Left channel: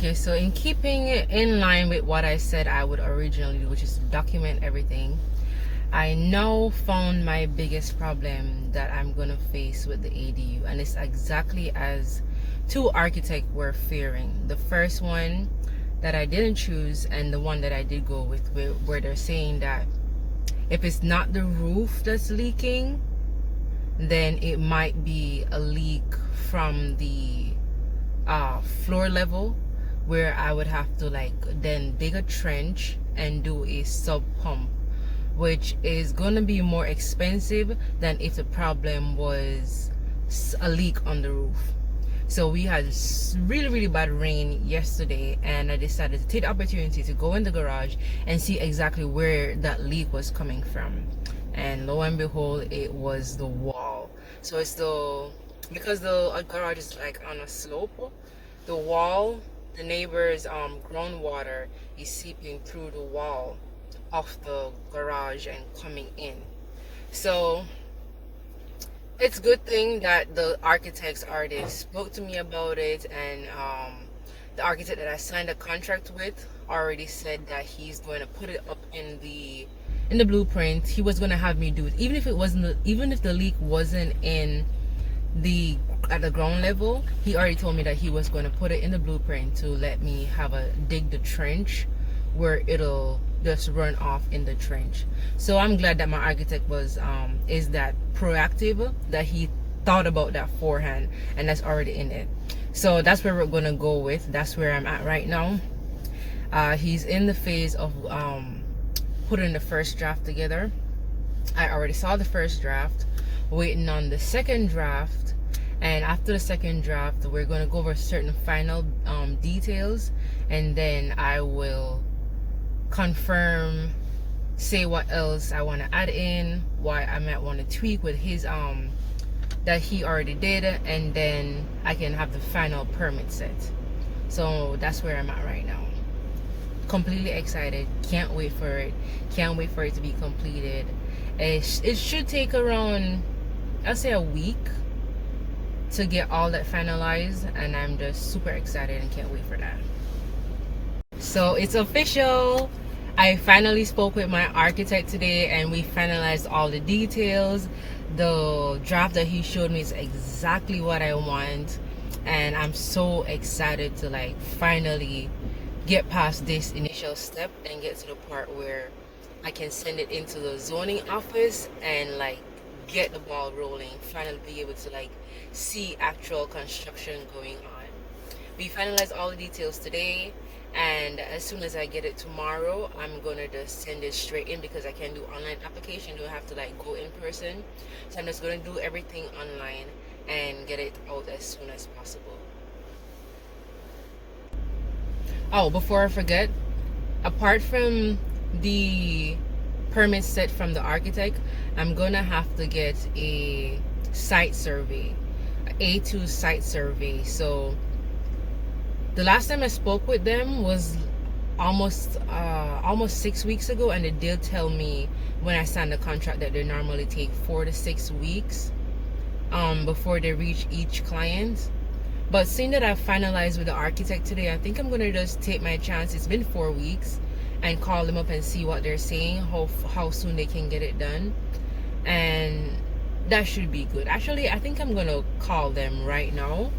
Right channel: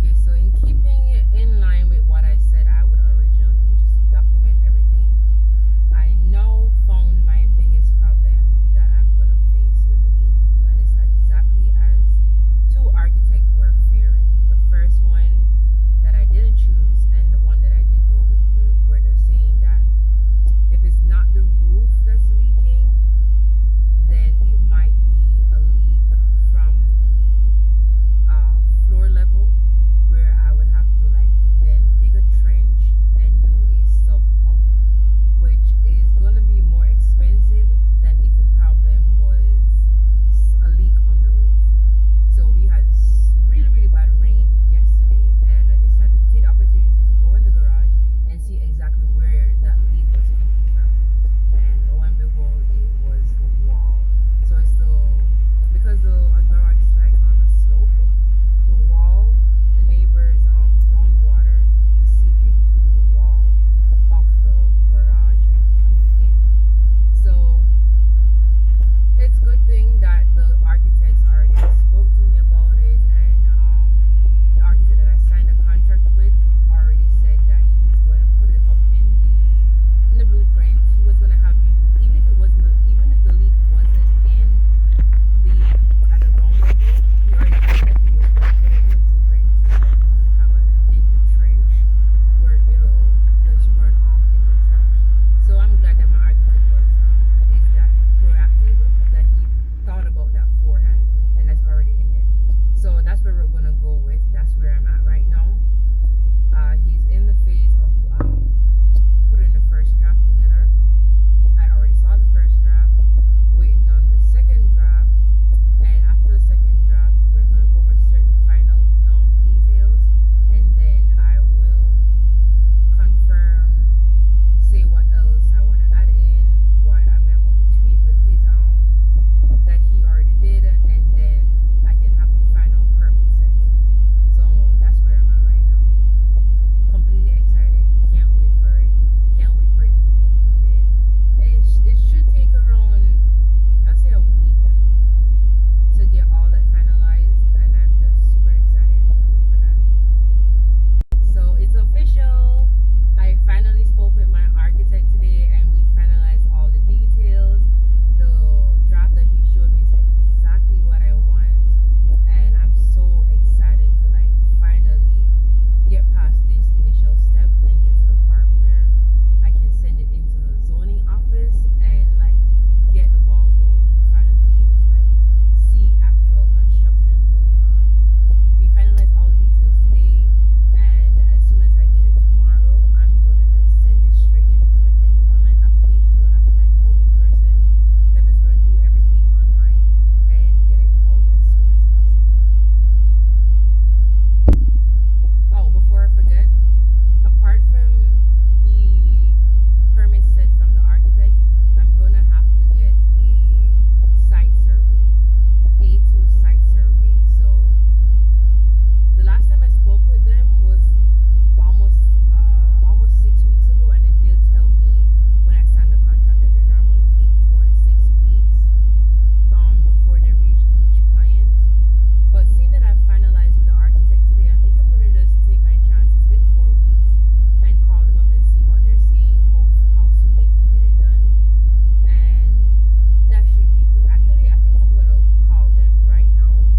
Okay, so in keeping in line with what I said I would originally do, which is document everything, I now found my biggest problem that I'm going to face with the ADU, and it's exactly as two architects were fearing. The first one that I didn't choose and the one that I did go with, where they're saying that if it's not the roof that's leaking, then it might be a leak from the floor level, where I would have to then dig a trench and do a sub pump, which is going to be more expensive than if the problem was a leak on the roof. So we had really bad rain yesterday, and I decided to take the opportunity to go in the garage and see exactly where that leak was coming from. And lo and behold, it was the wall. So it's because the garage is on a slope, the wall, the neighbor's groundwater is seeping through the wall of the garage and coming in. So it's a good thing that the architects already spoke to me about it, and the architect that I signed a contract with already said that he's going to put it up in the blueprint. He was going to have me do it, even if the leak wasn't at the ground level. He already told me that he was going to put it in the blueprint to let me dig the trench where it'll just run off in the trench. So I'm glad that my architect is that proactive, that he thought about that forehand, and that's already in it. So that's where we're gonna go with. That's where I'm at right now. He's in the phase of putting the first draft together. I already saw the first draft, waiting on the second draft, and after the second draft we're going to go over certain final details, and then I will confirm, say what else I want to add in, what I might want to tweak with his that he already did, and then I can have the final permit set. So that's where I'm at right now. Completely excited, can't wait for it to be completed. It should take around, I'll say, a week to get all that finalized, and I'm just super excited and can't wait for that. So it's official. I finally spoke with my architect today, and we finalized all the details. The draft that he showed me is exactly what I want, and I'm so excited to finally get past this initial step and get to the part where I can send it into the zoning office and get the ball rolling, finally be able to see actual construction going on. We finalized all the details today, and as soon as I get it tomorrow, I'm gonna just send it straight in, because I can do online application, don't have to go in person. So I'm just gonna do everything online and get it out as soon as possible. Oh, before I forget, apart from the permit set from the architect, I'm gonna have to get a site survey, A2 site survey. So the last time I spoke with them was almost 6 weeks ago, and they did tell me when I signed the contract that they normally take 4 to 6 weeks before they reach each client. But seeing that I've finalized with the architect today, I think I'm gonna just take my chance. It's been 4 weeks, and call them up and see what they're saying, how soon they can get it done, and that should be good. Actually, I think I'm gonna call them right now.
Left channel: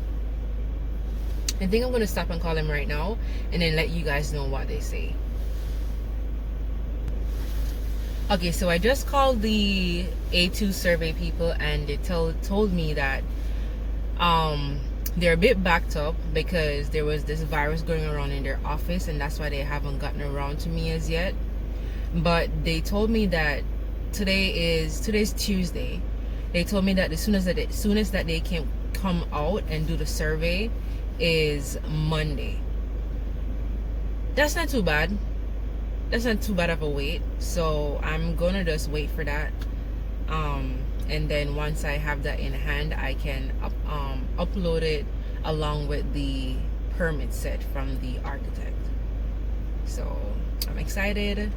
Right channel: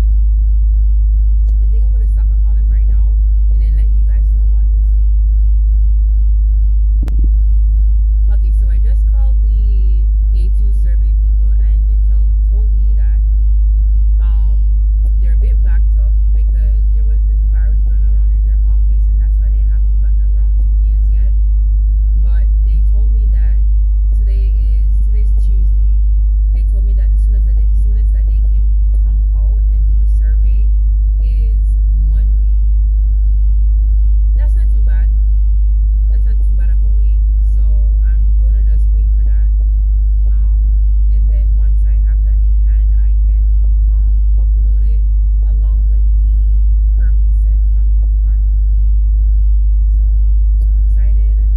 I think I'm gonna stop and call them right now, and then let you guys know what they say. Okay, so I just called the A2 survey people, and they told me that they're a bit backed up because there was this virus going around in their office, and that's why they haven't gotten around to me as yet. But they told me that today's Tuesday. They told me that the soonest that they can come out and do the survey is Monday. That's not too bad. That's not too bad of a wait. So I'm gonna just wait for that. And then once I have that in hand, I can upload it along with the permit set from the architect. So I'm excited.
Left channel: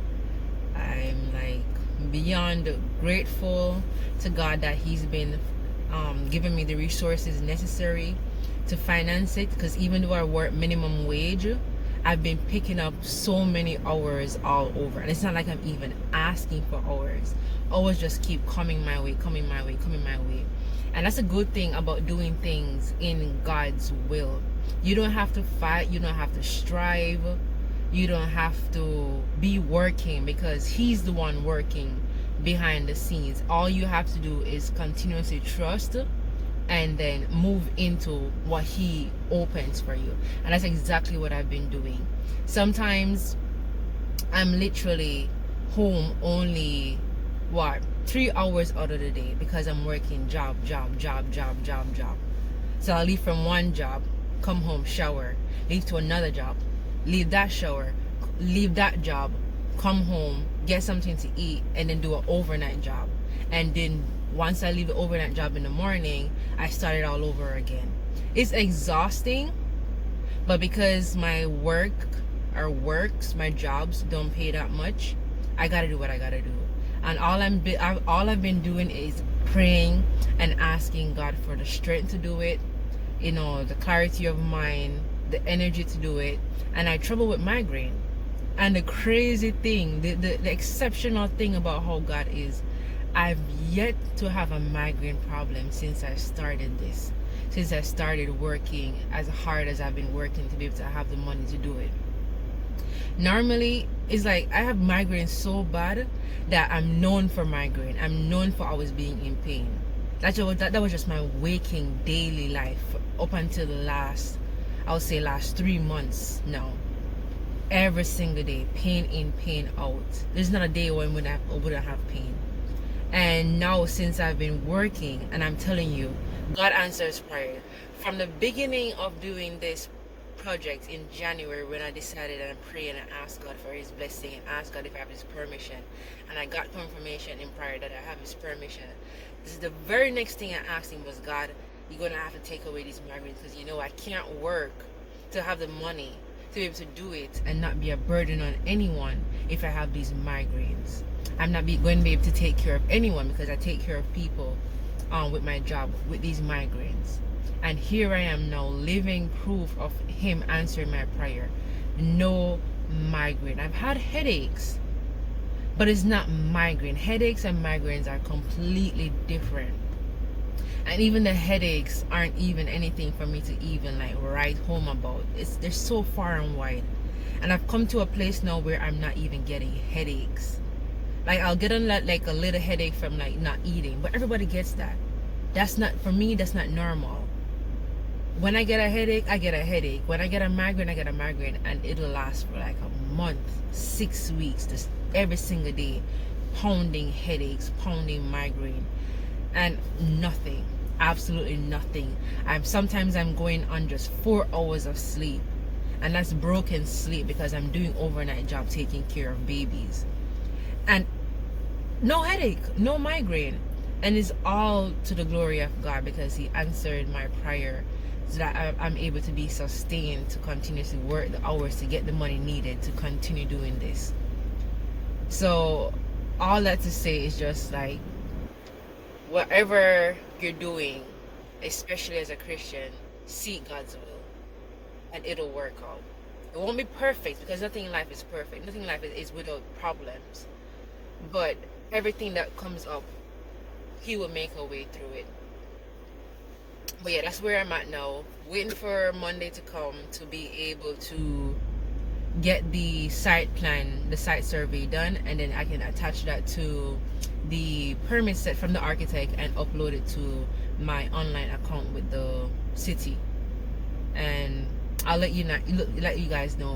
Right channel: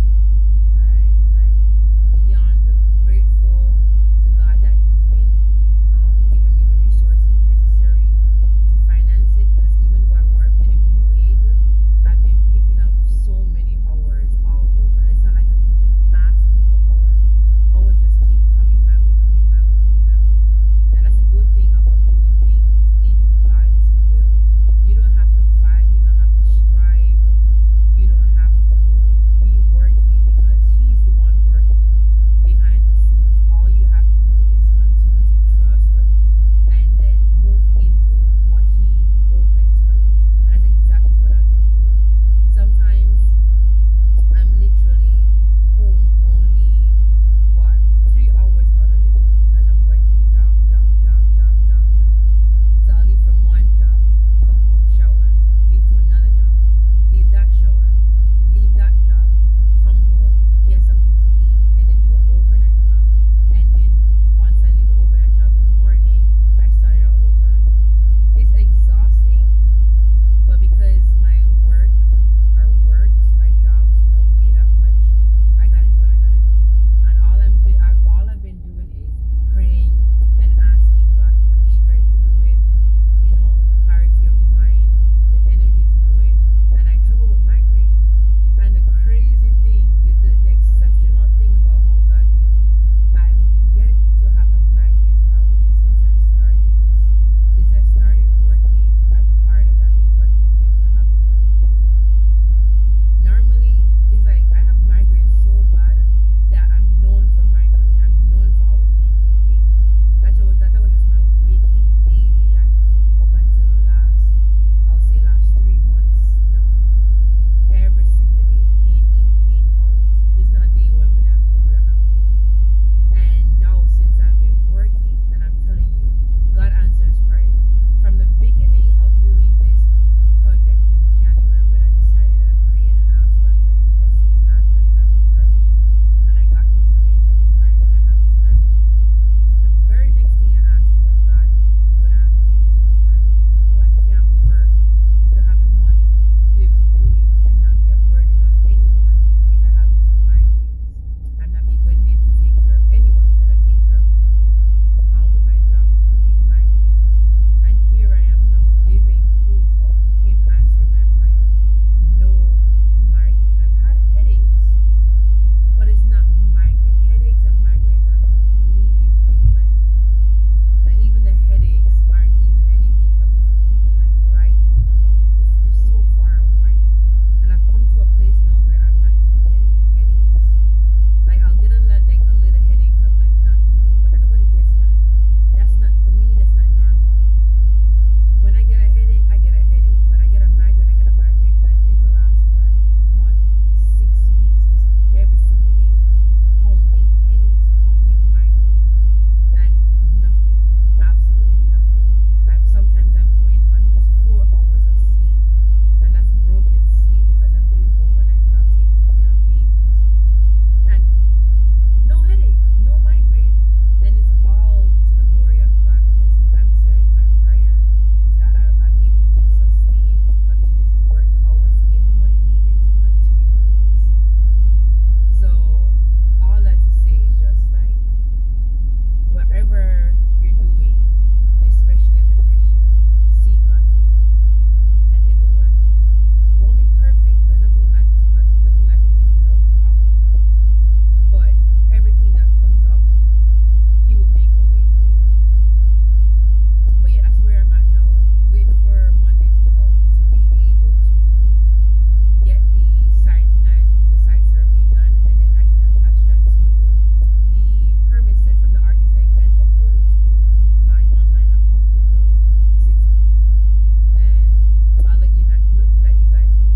I'm beyond grateful to God that he's been giving me the resources necessary to finance it, because even though I work minimum wage, been picking up so many hours all over, and it's not like I'm even asking for hours. Hours just keep coming my way, coming my way, coming my way. And that's a good thing about doing things in God's will. You don't have to fight, you don't have to strive, you don't have to be working, because He's the one working behind the scenes. All you have to do is continuously trust and then move into what He opens for you. And that's exactly what I've been doing. Sometimes I'm literally home only 3 hours out of the day, because I'm working job. So I'll leave from one job, come home, shower, leave to another job, leave that shower, leave that job, come home, get something to eat, and then do an overnight job. And then once I leave the overnight job in the morning, I start it all over again. It's exhausting, but because my my jobs don't pay that much, I gotta do what I gotta do. And all I've been doing is praying and asking God for the strength to do it, the clarity of mind, the energy to do it. And I trouble with migraine. And the crazy thing, the exceptional thing about how God is, I've yet to have a migraine problem since I started this. Since I started working as hard as I've been working to be able to have the money to do it. Normally, it's like I have migraine so bad that I'm known for migraine. I'm known for always being in pain. That was just my waking daily life up until the last 3 months now. Every single day, pain in, pain out. There's not a day when I wouldn't have pain. And now, since I've been working, and I'm telling you, God answers prayer. From the beginning of doing this project in January, when I decided and I prayed and I asked God for His blessing and asked God if I have His permission, and I got confirmation in prayer that I have His permission. This is the very next thing I asked Him was, God, you're gonna have to take away these migraines, because I can't work to have the money to be able to do it and not be a burden on anyone if I have these migraines. I'm not going to be able to take care of anyone, because I take care of people with my job with these migraines. And here I am now, living proof of Him answering my prayer. No migraine. I've had headaches, but it's not migraine. Headaches and migraines are completely different. And even the headaches aren't even anything for me to even write home about. They're so far and wide. And I've come to a place now where I'm not even getting headaches. I'll get a little headache from not eating, but everybody gets that. That's not, for me, that's not normal. When I get a headache, I get a headache. When I get a migraine, I get a migraine, and it'll last for a month, 6 weeks, just every single day, pounding headaches, pounding migraine, and nothing, absolutely nothing. Sometimes I'm going on just 4 hours of sleep, and that's broken sleep because I'm doing overnight job taking care of babies, and no headache, no migraine. And it's all to the glory of God, because He answered my prayer so that I'm able to be sustained to continuously work the hours to get the money needed to continue doing this. So all that to say is just whatever you're doing, especially as a Christian, seek God's will and it'll work out. It won't be perfect, because nothing in life is perfect. Nothing in life is without problems. But everything that comes up, He will make a way through it. But yeah, that's where I'm at now. Waiting for Monday to come to be able to get the site plan, the site survey done, and then I can attach that to the permit set from the architect and upload it to my online account with the city. And I'll let you guys know